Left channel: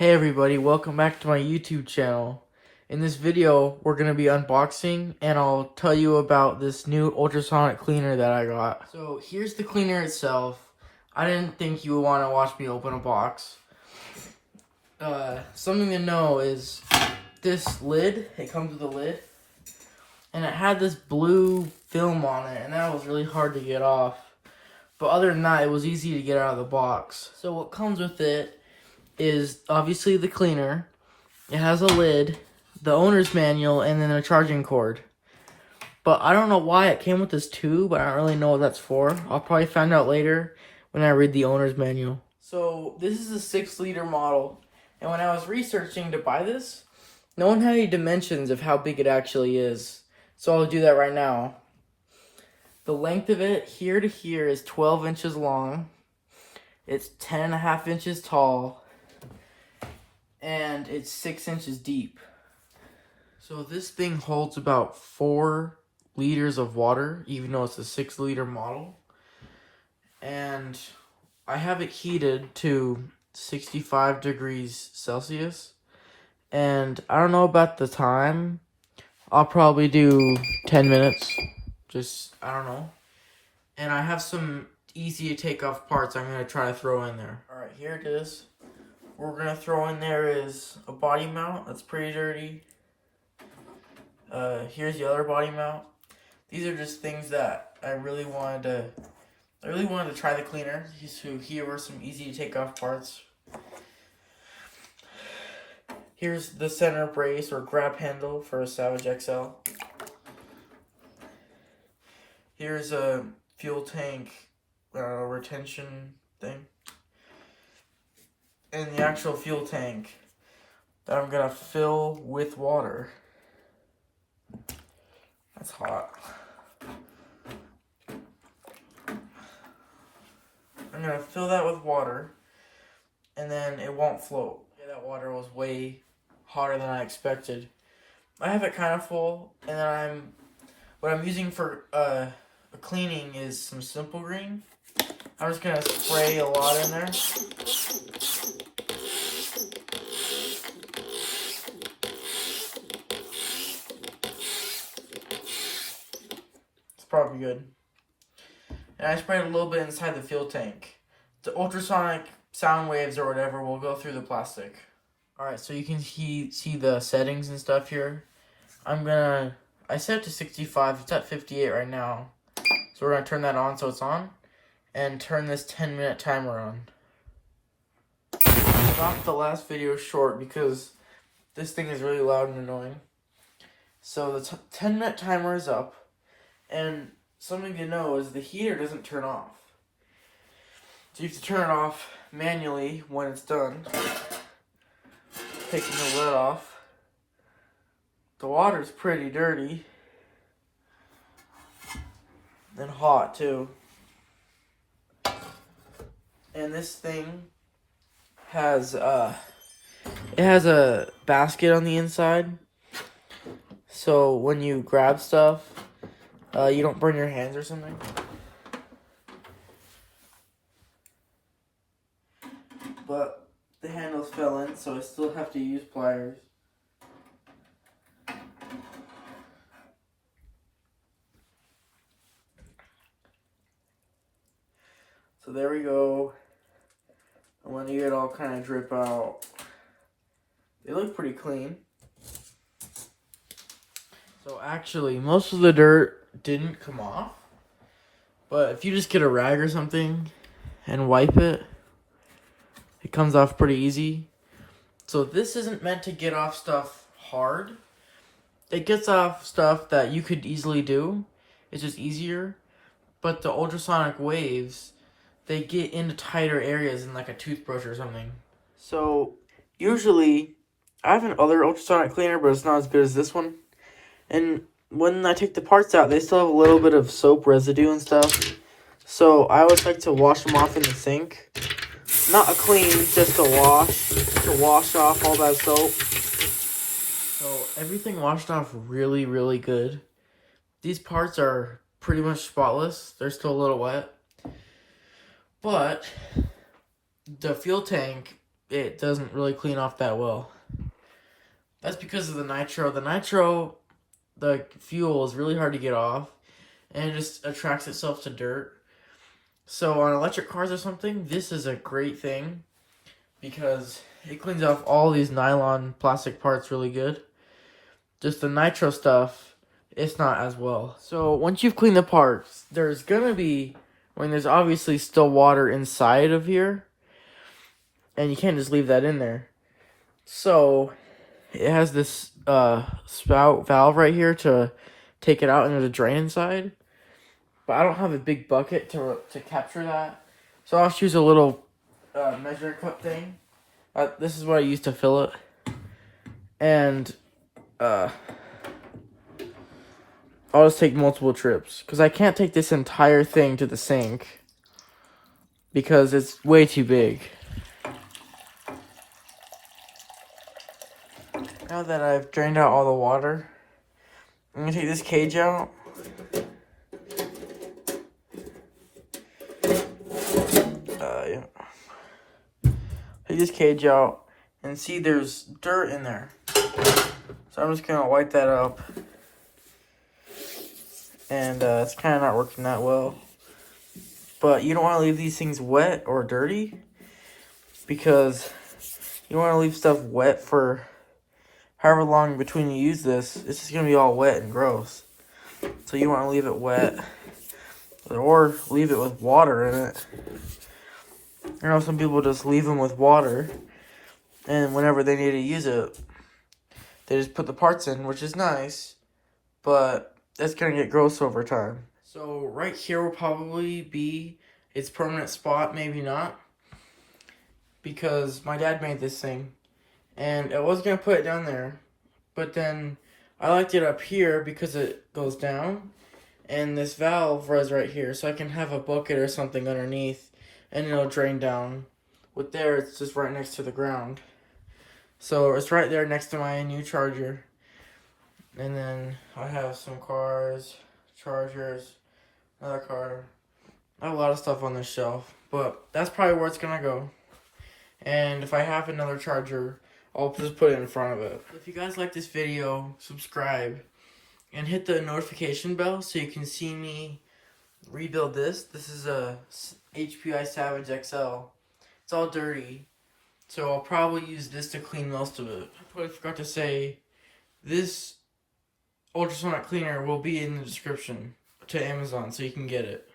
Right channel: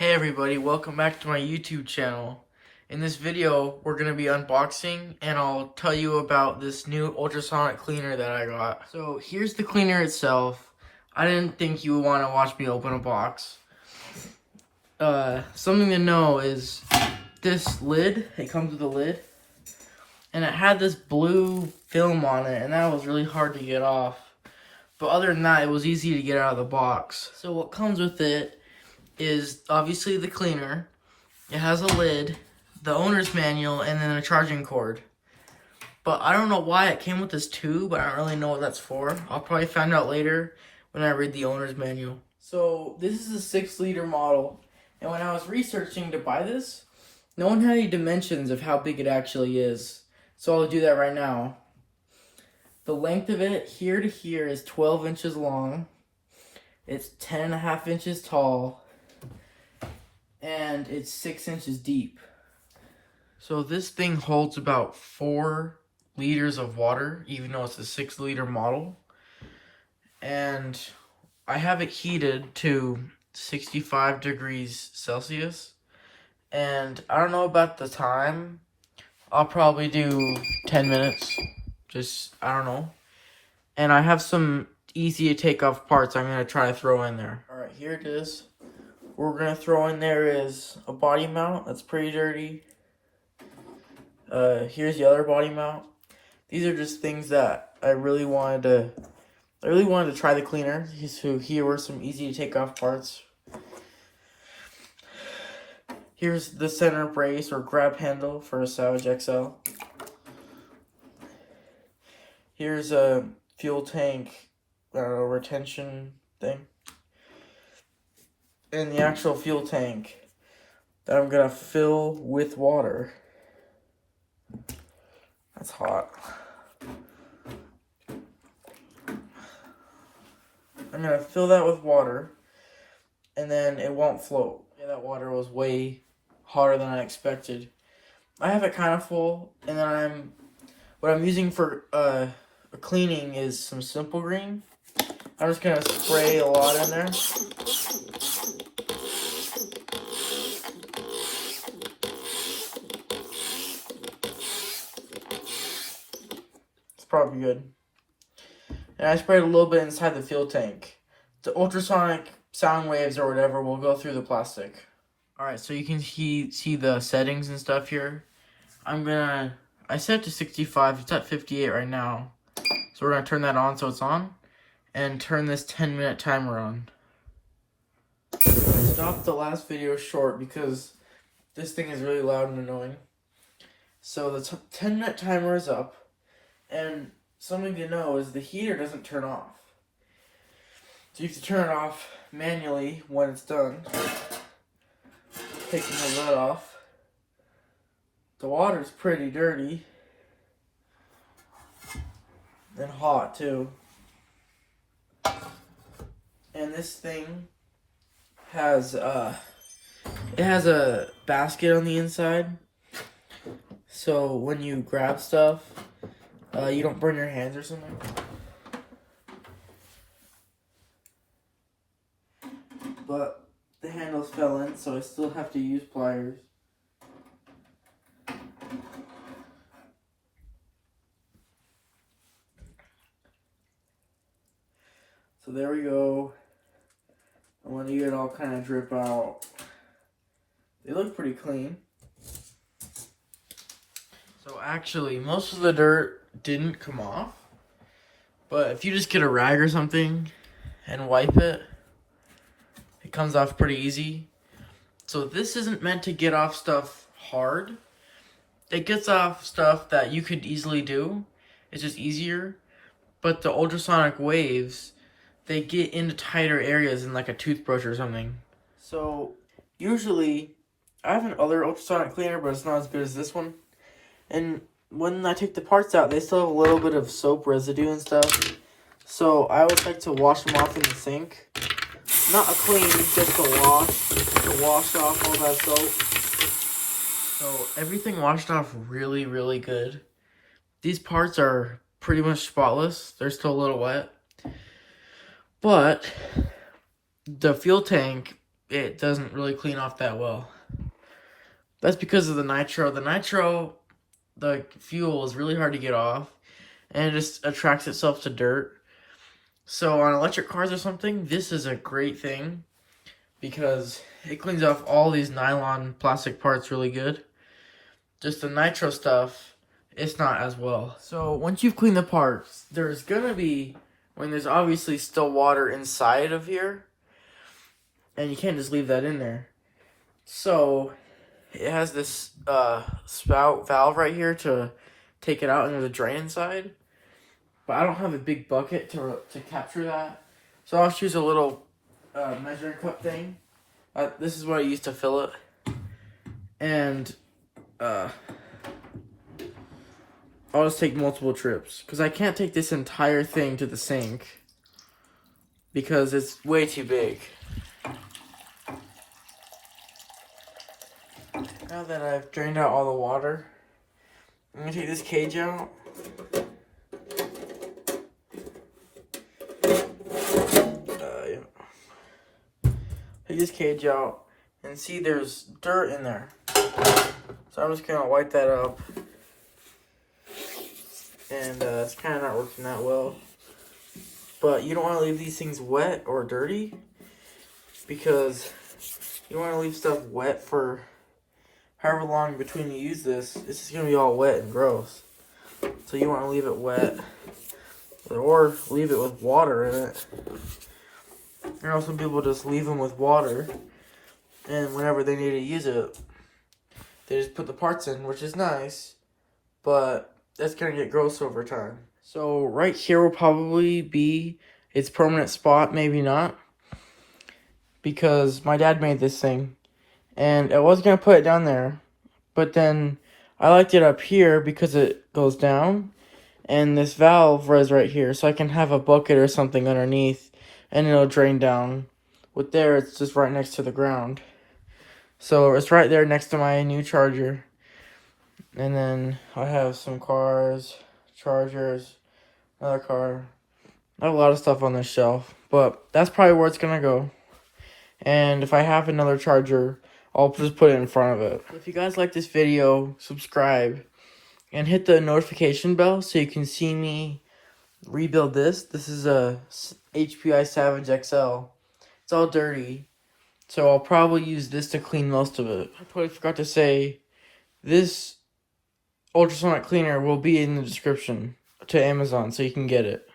Hey everybody, welcome back to my YouTube channel. In this video, we're going to be unboxing and I'll tell you about this new ultrasonic cleaner that I got. So here's the cleaner itself. I didn't think you would want to watch me open a box. Something to know is this lid, it comes with a lid, and it had this blue film on it and that was really hard to get off. But other than that, it was easy to get out of the box. So what comes with it is obviously the cleaner. It has a lid, the owner's manual, and then a charging cord. But I don't know why it came with this tube. I don't really know what that's for. I'll probably find out later when I read the owner's manual. So this is a 6-liter model. And when I was researching to buy this, no one had any dimensions of how big it actually is. So I'll do that right now. The length of it here to here is 12 inches long. It's 10.5 inches tall. And it's 6 inches deep. So this thing holds about 4 liters of water, even though it's a 6-liter model. And I have it heated to 65 degrees Celsius. And I don't know about the time. I'll probably do 10 minutes. I don't know. And I have some easy to take off parts I'm going to try to throw in there. Alright, here it is. What we're going to throw in there is a body mount. That's pretty dirty. Here's the other body mount. These are just things that I really wanted to try the cleaner. So here were some easy to take off parts. Here's the center brace or grab handle for a Savage XL. Here's a fuel tank retention thing. And the actual fuel tank that I'm gonna fill with water. That's hot. I'm gonna fill that with water and then it won't float. Yeah, that water was way hotter than I expected. I have it kind of full, and then what I'm using for cleaning is some Simple Green. I'm just gonna spray a lot in there. Probably good. And I sprayed a little bit inside the fuel tank. The ultrasonic sound waves or whatever will go through the plastic. Alright, so you can see the settings and stuff here. I set it to 65, it's at 58 right now. So we're gonna turn that on so it's on. And turn this 10-minute timer on. I stopped the last video short because this thing is really loud and annoying. So the 10-minute timer is up. And something to know is the heater doesn't turn off. So you have to turn it off manually when it's done. Taking the lid off. The water's pretty dirty. And hot too. And this thing has it has a basket on the inside. So when you grab stuff, you don't burn your hands or something. But the handles fell in, so I still have to use pliers. So there we go. And when you get all kind of drip out, they look pretty clean. So actually, most of the dirt didn't come off, but if you just get a rag or something and wipe it, it comes off pretty easy. So this isn't meant to get off stuff hard. It gets off stuff that you could easily do. It's just easier. But the ultrasonic waves, they get into tighter areas in like a toothbrush or something. So usually I have another ultrasonic cleaner, but it's not as good as this one. And when I take the parts out, they still have a little bit of soap residue and stuff. So I always like to wash them off in the sink. Not a clean, just a wash. To wash off all that soap. So everything washed off really, really good. These parts are pretty much spotless. They're still a little wet. But the fuel tank it doesn't really clean off that well. That's because of the nitro. The nitro, the fuel, is really hard to get off, and it just attracts itself to dirt. So on electric cars or something, this is a great thing because it cleans off all these nylon plastic parts really good. Just the nitro stuff, it's not as well. So once you've cleaned the parts, there's gonna be, when there's obviously still water inside of here, and you can't just leave that in there. So it has this spout valve right here to take it out into the drain inside. But I don't have a big bucket to capture that. So I'll just use a little measuring cup thing. This is what I use to fill it. And I'll just take multiple trips. Because I can't take this entire thing to the sink. Because it's way too big. Now that I've drained out all the water, I'm going to take this cage out. Take this cage out and see there's dirt in there. So I'm just going to wipe that up. And it's kind of not working that well. But you don't want to leave these things wet or dirty. Because you don't want to leave stuff wet for however long between you use this. It's just going to be all wet and gross. So you want to leave it wet. Or leave it with water in it. You know, some people just leave them with water. And whenever they need to use it, they just put the parts in, which is nice. But that's going to get gross over time. So right here will probably be its permanent spot, maybe not. Because my dad made this thing. And I was going to put it down there. But then I liked it up here because it goes down. And this valve was right here. So I can have a bucket or something underneath. And it'll drain down. With there, it's just right next to the ground. So it's right there next to my new charger. And then I have some cars, chargers, another car. I have a lot of stuff on this shelf. But that's probably where it's going to go. And if I have another charger, I'll just put it in front of it. If you guys like this video, subscribe. And hit the notification bell so you can see me rebuild this. This is a HPI Savage XL. It's all dirty. So I'll probably use this to clean most of it. I totally forgot to say, this ultrasonic cleaner will be in the description to Amazon so you can get it.